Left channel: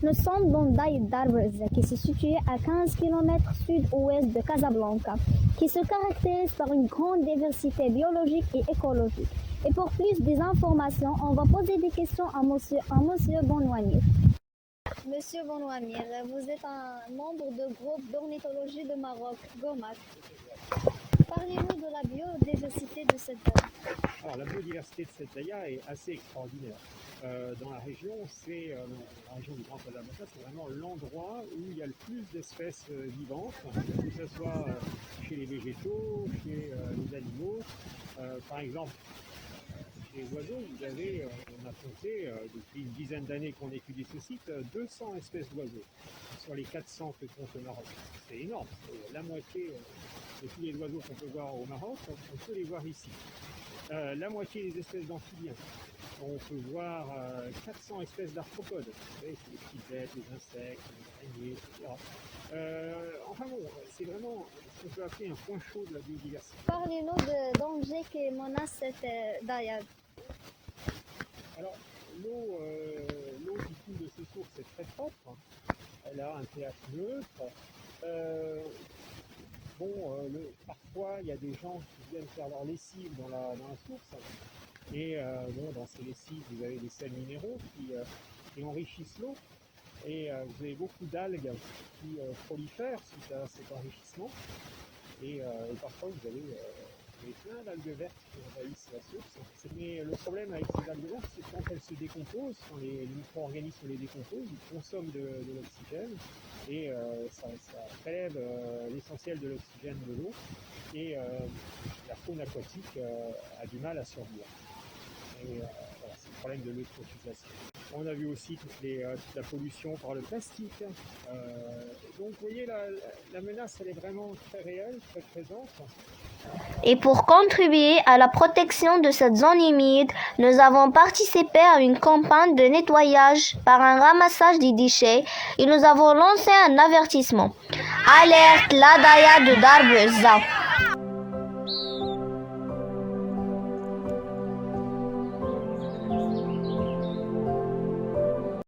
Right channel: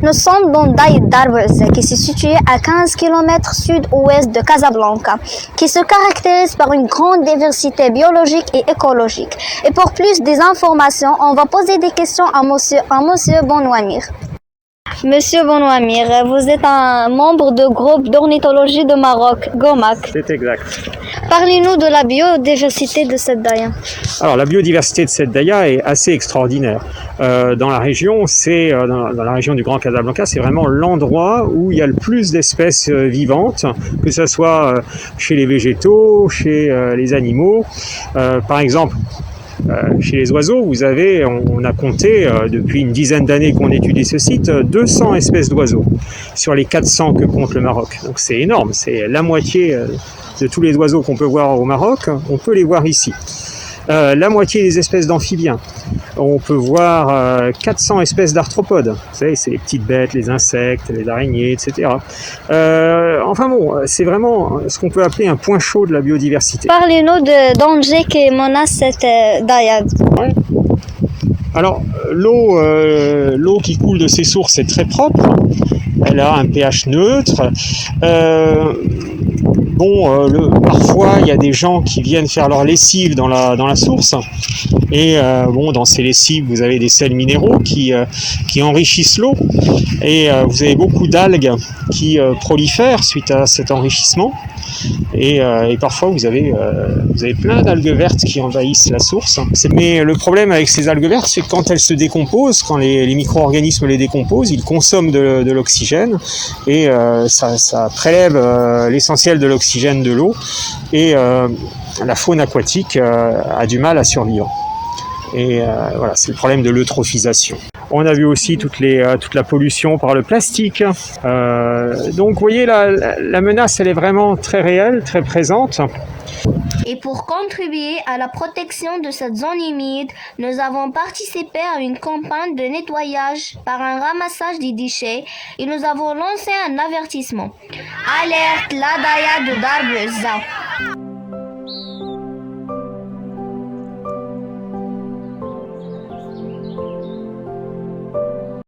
Nous sommes dans Daï Darbez, qui se situe à 15 km sud-ouest de Casablanca, qui se caractérise par une grande diversité biologique et écologique. Et pour plus d'informations, on va poser des questions à monsieur Bonouamir. Monsieur Bonouamir, vous êtes un membre du groupe d'ornithologie de Maroc, GOMAC. C'est exact. Parlez-nous de la biodiversité de cette daïa. Alors la biodiversité de cette daïa est assez extraordinaire. Dans la région, dans la région du Grand Casablanca, c'est vraiment l'endroit où il y a le plus d'espèces vivantes, que ce soit chez les végétaux, chez les animaux. Par exemple, chez les oiseaux, on a compté depuis une dizaine d'années qu'on étudie ce site, 200 espèces d'oiseaux sur les 400 que compte le Maroc. Donc c'est énorme, c'est la moitié de tous les oiseaux qu'on peut voir au Maroc, on peut les voir ici. La moitié des espèces d'amphibiens. On peut voir 400 espèces d'arthropodes. Vous savez, c'est les petites bêtes, les insectes, les araignées, etc. Enfin bon, c'est vraiment ce qu'on peut appeler un point chaud de la biodiversité. Parlez-nous de dangers qui menacent cette daïa. Ouais. Alors, l'eau qui coule de ces sources est très propre. Elle a un pH neutre. Parfois, il y a des gens qui viennent faire leur lessive dans la source. Et dans ces lessives, vous avez des sels minéraux qui enrichissent l'eau. Et vous avez beaucoup d'algues qui prolifèrent suite à cet enrichissement. Et parfois, vous avez plein d'algues vertes qui envahissent la source. Mais le problème avec ces algues vertes, c'est que quand elles se décomposent, quand les micro-organismes les décomposent, ils consomment de l'oxygène et ça prélève l'essentiel de l'oxygène de l'eau et la faune aquatique a du mal à survivre. Et voilà, c'est le problème de l'eutrophisation. On a vu aussi toute la pollution par le plastique. Donc vous voyez, la menace, elle est vraiment très réelle, très présente. Et pour contribuer à la protection de cette zone humide, nous avons participé à une campagne de nettoyage par un ramassage des déchets et nous avons lancé un avertissement. Alerte, la daïa de Darbez.